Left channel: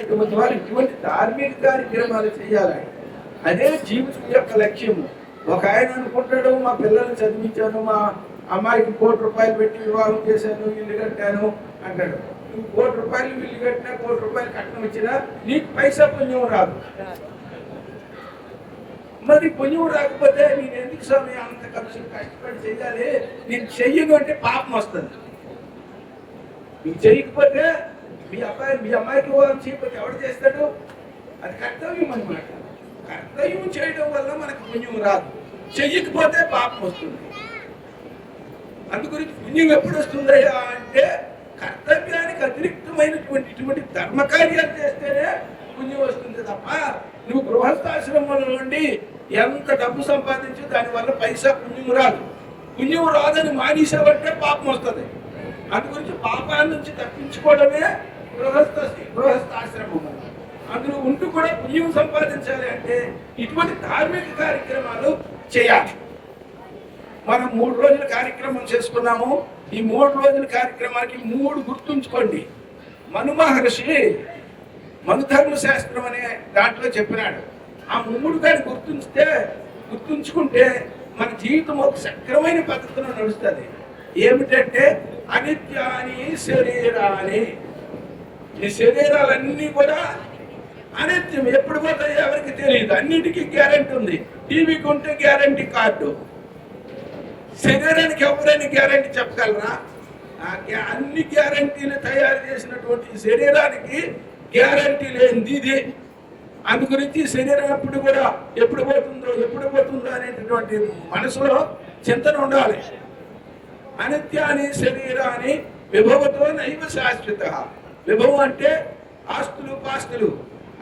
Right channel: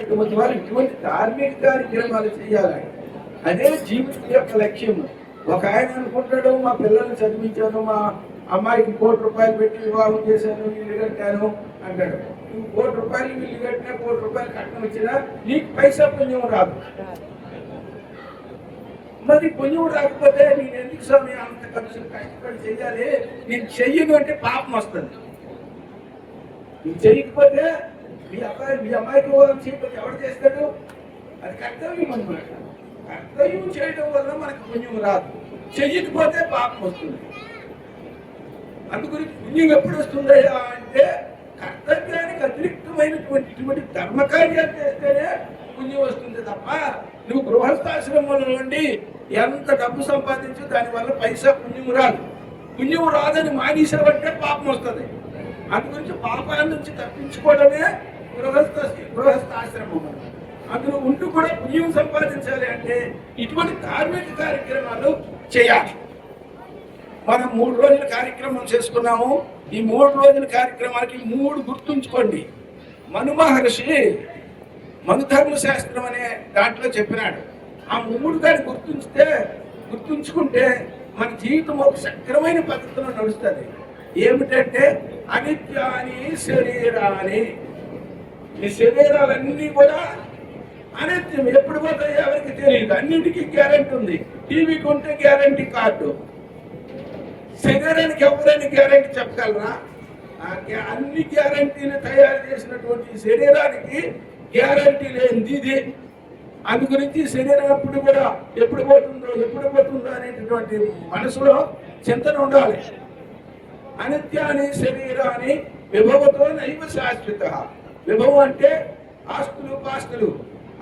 ఇటువంటి ధార్మిక కార్యక్రమాలు చేయాలి. అదే జీవితం యొక్క లక్ష్యము. ఒక ఆయన అనుకుంటాడు, మా పిల్లల్ని చదివించాను, మా అమ్మాయికి ₹1,00,00,000 పెట్టి వివాహం చేశాను, ఇల్లు కట్టాను అంటాడు. నువ్వు ₹1,00,00,000 ఇల్లు కట్టినా, ₹1,00,00,000 కట్నం ఇచ్చినా నీకు పైసా పుణ్యం రాదు. మరి పుణ్యం రాకపోతే నేను ఎందుకు స్వామి అంత ఖర్చు కష్టపడి చెయ్యాలి? నేను చెయ్యను అంటే పాపం వస్తుంది. నువ్వు చెయ్యకపోతే మీ అమ్మాయికి వివాహం చేయకపోతే ఎవరు చేస్తాడు? అది కర్తవ్యం అన్నమాట. కర్తవ్యం చేయడం వల్ల మనకు పుణ్యం రాదు, చెయ్యకపోతే పాపం వస్తుంది. అందుగురించి పుణ్యం ఎప్పుడు వస్తుందయ్యా అంటే కర్తవ్యానికి అతిరిక్తమైనటువంటి ధర్మకార్యాలు చేస్తేనే పుణ్యం వస్తుంది తప్ప నువ్వు గృహస్థాశ్రమంలో నుండి ఎంత డబ్బు సంపాదించి దానివల్ల పైసా పుణ్యం రాదు. పుణ్యం రాదని మానేసావంటే పాపం వస్తుంది. అందుగురించి పాపాల నుంచి తప్పించుకోవడమే గృహస్థాశ్రమం. అందులో ఉంటూ కూడా పుణ్యం సంపాదించాలి అంటే ఇటువంటి ధార్మిక కార్యక్రమాలు చేయాలి. మనం 3 రోజుల కార్యక్రమం చేసుకున్నాము. ఈ 3 రోజుల కార్యక్రమానికి 3 గుర్తుంచుకోండి. మను మహర్షి మనుధర్మ శాస్త్రం అనే దాంట్లో చెప్పినాడు. ఆ 3 దాన్ని గుర్తుంచుకుంటే మన జీవితం ఒక సక్రమైన పద్ధతిలో నడుస్తుంది. ఏమిటంటే అనిత్యాని శరీరాన్ని. ఈ శరీరాలన్నీ కూడా అనిత్యం, ఎప్పుడు పోతాయో ఎవరికి తెలియదు. అన్నిటికీ గ్యారెంటీ ఉంది. టీవీకి ఉంటే గ్యారెంటీ కార్డు. శరీరానికి ఎవరైనా గ్యారెంటీ చెప్పగలరా? అన్ని గ్యారెంటీలు తయారు చేసినటువంటి శరీరానికి గ్యారెంటీ లేనిది ఇది. అందు గురించి శరీరం ఎప్పుడు పోతుందో అనేటటువంటి మనసులో చింతన ఉండాలి. అనిత్యాని శరీరాన్ని విభవతో నైవ శాశ్వత. విభవం అంటే ఆస్తులు పాస్తులు,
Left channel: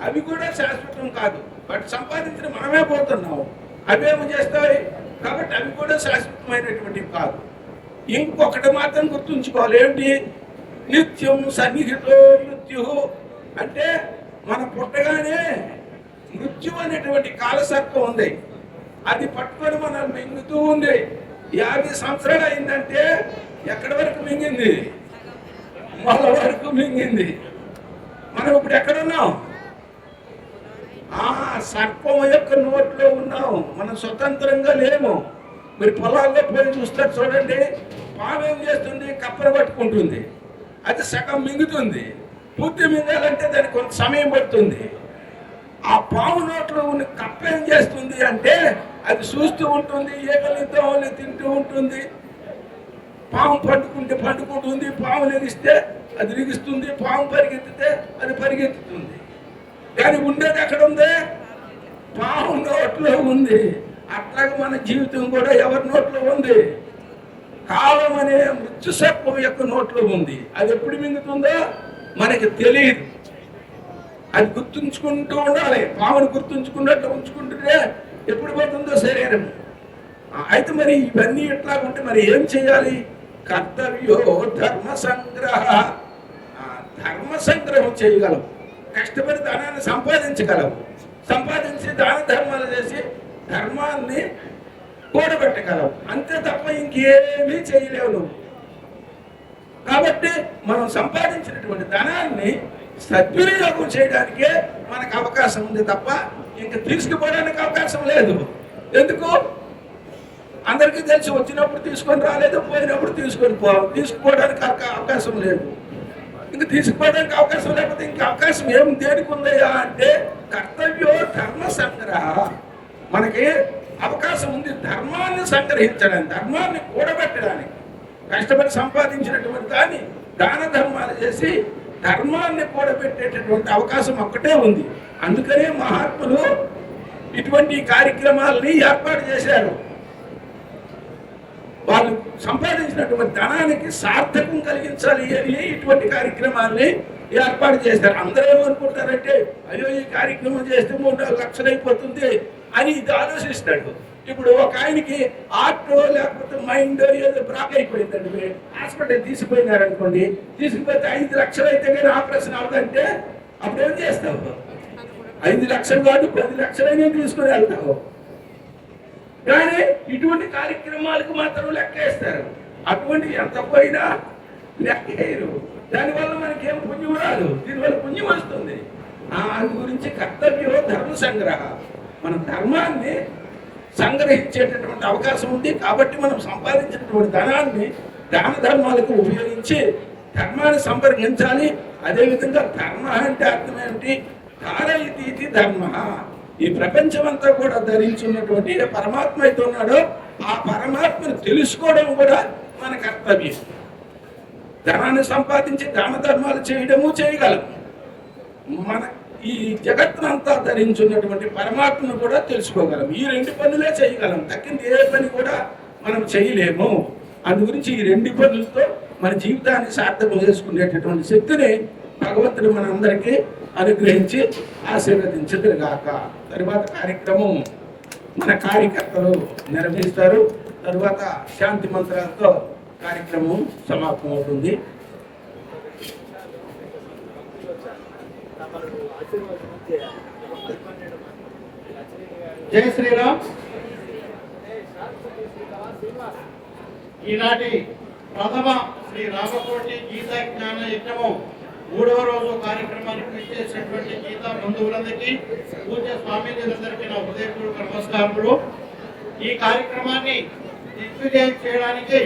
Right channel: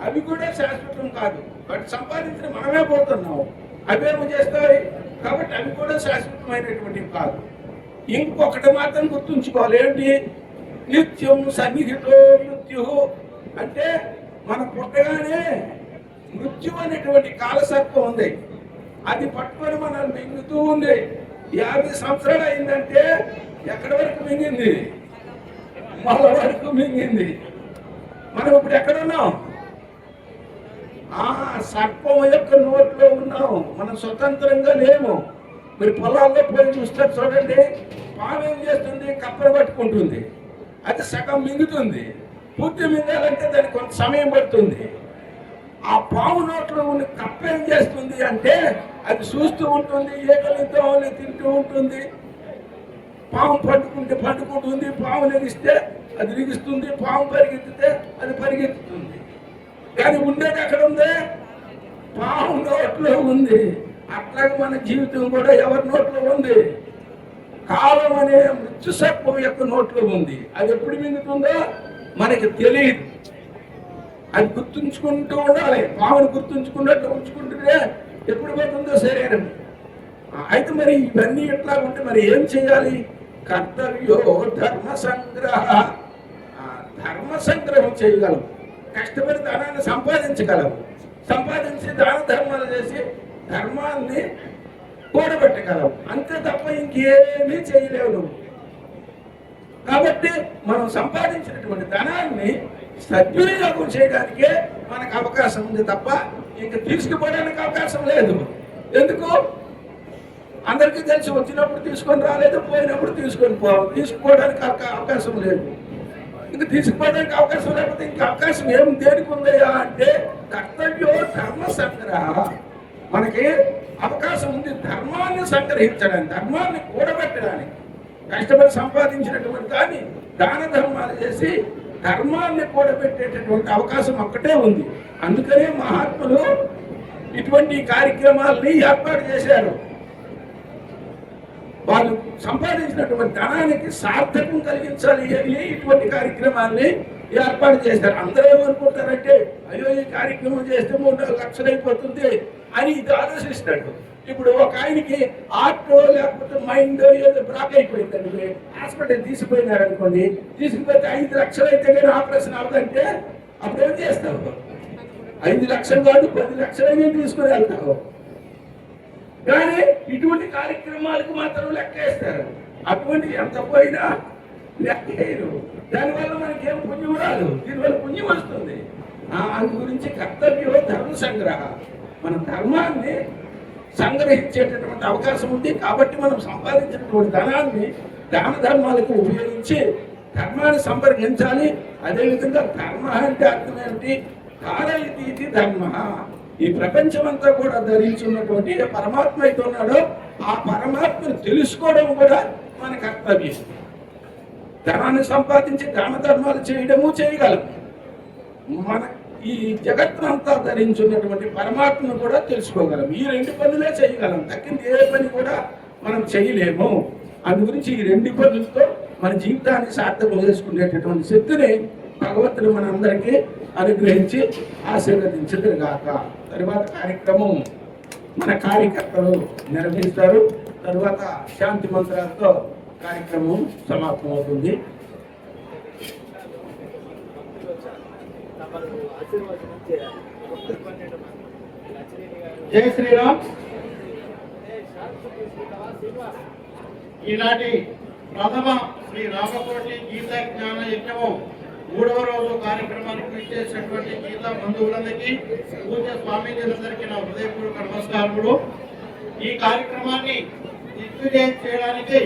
అవి కూడా శాశ్వతం కాదు. బట్ సంపాదించిన మనమే పోతున్నాం, అవేమో చేస్తాయి కాబట్టి అవి కూడా శాశ్వతమైనటువంటివి కాదు. ఇంకొకటి మాత్రం గుర్తుంచుకోవాలి. ఏంటి? నిత్యం సన్నిహితో మృత్యు. అంటే మన పుట్టగానే మృత్యు అనేటువంటి కాలసర్పం ఉంది. అది పట్టుకొని మనల్ని మింగుతూ ఉంది. 50 సంవత్సరాలు అయిందంటే ఎక్కడి వరకు మింగింది? మొల వరకు మింగింది. మనం ఇప్పుడు ఎక్కడున్నాం? సర్పం యొక్క నోట్లో ఉన్నాం. మనం స్వతంత్రంగా లేము. మీరు పొలాల్లో పోయి చూస్తారు చూడండి, పాము ఏం చేస్తుంది? కప్పను పట్టుకుంటుంది. అది సగం మింగుతుంది. పూర్తి మింగాలంటే దానికి కొంత సమయం పడుతుంది. ఆ పాము నోట్లో ఉన్న కప్ప ఏం చేస్తుంది అంటే అది చూస్తూ ఉంటుంది, ఏకలితో తింటూ ఉంటుంది. పాము పండుకుంటుంది, పాము లెగిస్తే అది లిగిస్తుంది, పాము పరిగెత్తితే అది పరిగెత్తుతుంది. కానీ ఉండేది ఎక్కడ ఉంది? పాము నోట్లో ఉంది. అట్లాగే మన జీవితం కూడా ఎవరి నోట్లో ఉంది? కాలం అనే మృత్యు సర్పం యొక్క నోట్లో ఉంది. అది ఎప్పుడు మింగుతుందో మనకి తెలియదు. అది గుర్తుంచుకుంటూ ఉండాలి. పామును గుర్తుంచుకున్నట్టు ఉంచుకుంటుంటే ఎప్పుడు పోతుందో శరీరం. అయితే మరి ఇవన్నీ ఎట్లా ఉంటే మరి ఏం చేయాలి? కర్తవ్యో ధర్మ సంగ్రహ. ధర్మ సంగ్రహం చేయగలం. కష్టపడి ధనాన్ని సంపాదించగలవు. సంపాదించి దాన ధర్మాలు చేసి ధర్మాన్ని కూడబెట్టగలవు. అంతే తప్ప ఇంకేమీ చేయలేవు నువ్వు. కాబట్టి మనం సంపాదించినటువంటి ధనాన్ని సద్వినియోగం చేయడానికే మనకు అవకాశం ఉంది తప్ప ఇంక తీసుకుపోవడానికి అవకాశం లేదు. ఎందుకు? అందరికీ తెలిసి వచ్చినప్పుడు తీసుకొని రాలేదు, పోయినప్పుడు తీసుకుపోవడానికి అవకాశం లేదు. ఇంక తీసుకుపోవడానికి అవకాశం లేకపోతే ఇంక అవకాశం ఏం దేనికి ఉందయ్యా అంటే కర్తవ్యో ధర్మ సంగ్రహ. మనకి అవకాశం ఉంది ధర్మాన్ని సంగ్రహించడానికి, ధర్మాన్ని కూడబెట్టడానికి. కష్టపడి సంపాదించినటువంటి దాన్ని దాన ధర్మాలు చేసి ధర్మాన్ని కూడబెట్టేటటువంటి అవకాశం ఒక్కటే ఉంది. అందుకనే మహాత్ములు ఇటువంటి కార్యక్రమాలని ఏర్పాటు చేశారు. వాళ్ళు సంపాదించినటువంటి ధనానికి సార్థకం కలిగించాలి అని ఇటువంటి కార్యక్రమాల్ని ఏర్పాటు చేశారు. అందరూ ఏమనుకుంటారంటే అయ్యో ఈ కార్యక్రమం చేస్తే 3-4 లక్షలు అయిపోతుంది అని ఇది ఆలోచిస్తాడు. ఇప్పుడు ఒక ఆయనకి ఆర్టో లేకపోతే మైండ్ ఏదో బ్లాక్ అయిపోయిందండి, హాస్పిటల్ తీసుకుపోయినారు అనుకోండి, తీసుకుపోతే 5 లక్షలు అయితే కానీ ఆపరేషన్ అవదంటే అప్పుడు ఏం చేస్తావు? 5 లక్షలు కాదు 10 లక్షలైనా తీసుకుని వెళ్తావు. కానీ ఇటువంటి కార్యక్రమాలకు మాత్రం లెక్కేస్తారు. అటువంటి ఎంత పోయినా లెక్కేయరు. దానివల్ల మనకేం పుణ్యం రాదు, దీనివల్ల పుణ్యం వస్తుంది. అందు గురించి కర్తవ్యం ధర్మ సంగ్రహ. మన ధర్మాన్ని సంగ్రహించేటటువంటి అవకాశం ఉంది కాబట్టి మనం సంపాదించినటువంటి ధనాన్ని దాన ధర్మాలకు ఉపయోగించి ధర్మాన్ని సంపర్కించాలి. అదేవిధంగా ధర్మ అంటే అర్థం ఏమిటి? ధారయితీతి ధర్మ. ఈ ప్రపంచం అంతా కూడా ధరించున్నటువంటి ఏ పరమాత్మ అయితే ఉన్నాడో ఆ పరమాత్మను తెలుసుకోవడం కూడా మన కర్తవ్యం. ధనాన్ని సంపాదించి దాన ధర్మాలు చేయడము చేయగలం. మన ఈ జగత్తునంతా ధరించున్నటువంటి పరమాత్మను కూడా తెలుసుకోగలం. ఈ రెండు పనులే చేయగలం, తక్కింది ఏ పని కూడా మనం చేయలేము. అందు గురించి ఈ రెండు పనులతో మన జీవితాన్ని సార్థకం చేసుకునేటటువంటి శక్తిని భగవంతుడు మనందరికీ అనుగ్రహించి ఆశీర్వదించదుగాక. తరువాత కార్యక్రమం మన కార్యకర్తలు నిర్వహిస్తారు. తరువాత శాంతి మంత్రాలతో కార్యక్రమం సమాప్తం అవుతుంది. జై శ్రీరామ్. ఈనాటి ప్రథమ శ్రీ రామకోటి గీతా జ్ఞాన యజ్ఞము 3వ రోజు కార్యక్రమానికి ఇచ్చేసినటువంటి గీతా బంధువులందరికీ, పూజ్య స్వామీజీలందరికీ నా హృదయపూర్వక నమస్కారములు. ఈ కార్యక్రమాన్ని దిగ్విజయం చేయడానికి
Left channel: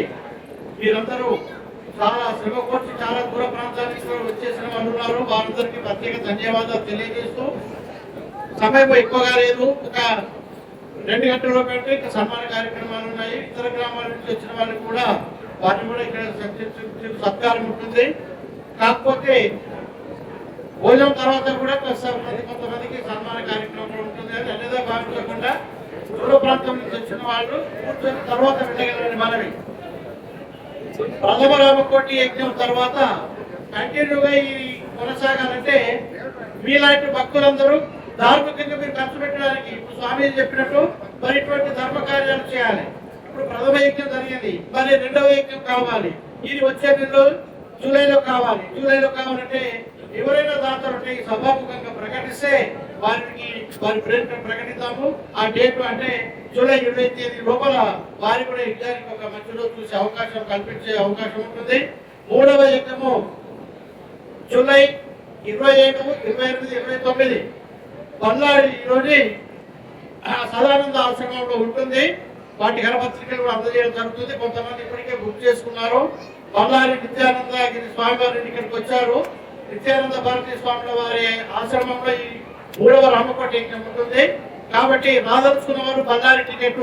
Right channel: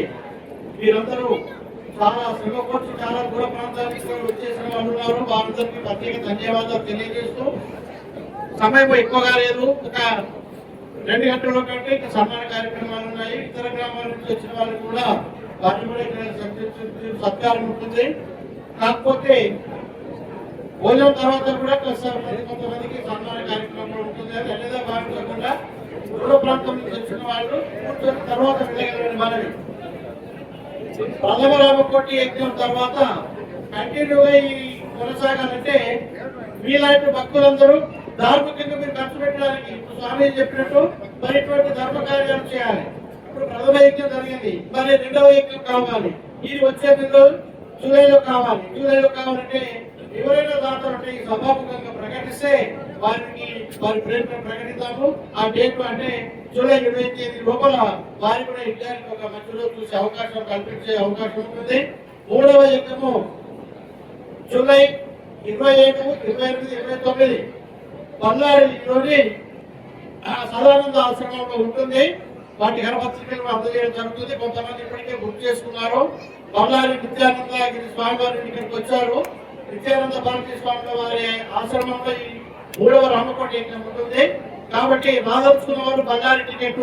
మీరందరూ చాలా శ్రమ కోర్చి చాలా దూర ప్రాంతానికి వచ్చేసిన వాళ్ళు ఉన్నారు. వారందరికీ ప్రత్యేక ధన్యవాదాలు తెలియజేస్తూ, సమయం ఎక్కువగా లేదు, ఒక 2 గంటల కంటే ఇంకా సన్మాన కార్యక్రమాలు ఉన్నాయి. ఇతర గ్రామాల నుంచి వచ్చిన వాళ్ళకి కూడా వారిని కూడా ఇక్కడ సత్కారం ఉంటుంది. కాకపోతే భోజనం తర్వాత కూడా కొంతమందికి సన్మాన కార్యక్రమం ఉంటుంది. అని అన్నదే భావించకుండా దూర ప్రాంతం నుంచి వచ్చిన వాళ్ళు కూర్చొని తర్వాత వెళ్ళగలని మనవి. ప్రథమ రామకోటి యజ్ఞం తర్వాత కంటిన్యూగా ఈ కొనసాగాలంటే మీలాంటి భక్తులందరూ ధార్మికంగా మీరు ఖర్చు పెట్టడానికి ఇప్పుడు స్వామి చెప్పినట్టు మరి ఇటువంటి ధర్మ కార్యాలు చేయాలి. ఇప్పుడు ప్రథమ యజ్ఞం జరిగింది, మరి 2వ యజ్ఞం కావాలి. ఇది వచ్చే నెలలో జూలైలో కావాలి. జూలైలో కావాలంటే ఎవరైనా దాతలుంటే ఈ సభాముఖంగా ప్రకటిస్తే వారి పేరు ప్రకటిస్తాము. ఆ డేట్ అంటే జూలై 20వ తేదీ లోపల వారి కూడా యజ్ఞానికి ఒక మంచి రోజు చూసే అవకాశం కల్పించే అవకాశం ఉంటుంది. 3వ యజ్ఞము జూలై 27, 28, 29 బళ్ళారిలోని సదానంద ఆశ్రమంలో ఉంటుంది. వాటి కరపత్రికలు అందజేయడం జరుగుతుంది. కొంతమంది ఇప్పటికే బుక్ చేసుకున్నారు. బళ్ళారి నిత్యానంద గిరి స్వామి వారి ఇక్కడికి వచ్చారు. నిత్యానంద భారతీ స్వామి వారి ఆశ్రమంలో ఈ 3వ రామకోటి యజ్ఞం ఉంటుంది. కాబట్టి రాదలుచుకున్న వారు బళ్ళారి టికెట్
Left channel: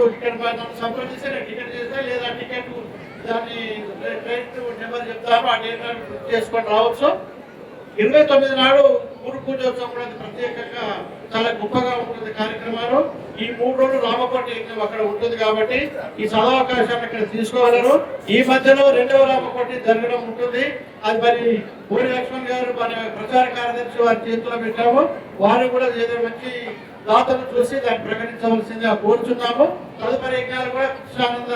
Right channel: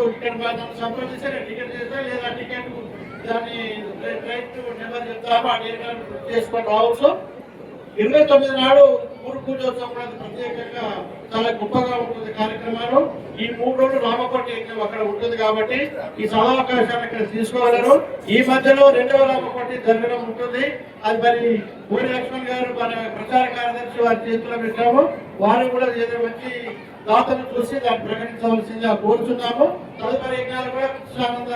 సంప్రదిస్తే టికెట్ చేస్తే, లేదా టికెట్ దాన్ని నెంబర్ చెప్తారు, ఆ డేట్ బుక్ చేసుకొని రావచ్చు. 29 నాడు గురు పూజోత్సవం కూడా ప్రత్యేకంగా చాలా గొప్పగా ఉంటుంది కార్యక్రమాలు. ఈ 3 రోజులు రామకోటి యజ్ఞం అక్కడ ఉంటుంది కాబట్టి ఈ సదావకాశాన్ని ఇక్కడ తీసుకోగలరు. ఈ మధ్యలో 2వ రామకోటి జరగడం ఉంటుంది. అది మరి పూరి లక్ష్మణ్ గారు మన ప్రచార కార్యదర్శి వారి చేతిలో పెట్టాము. వారు కూడా ఏదో వచ్చి దాతలు చూసి దాన్ని ప్రకటించవలసిందిగా కోరుచున్నాము. తదుపరి యజ్ఞాలు కూడా కృష్ణానంద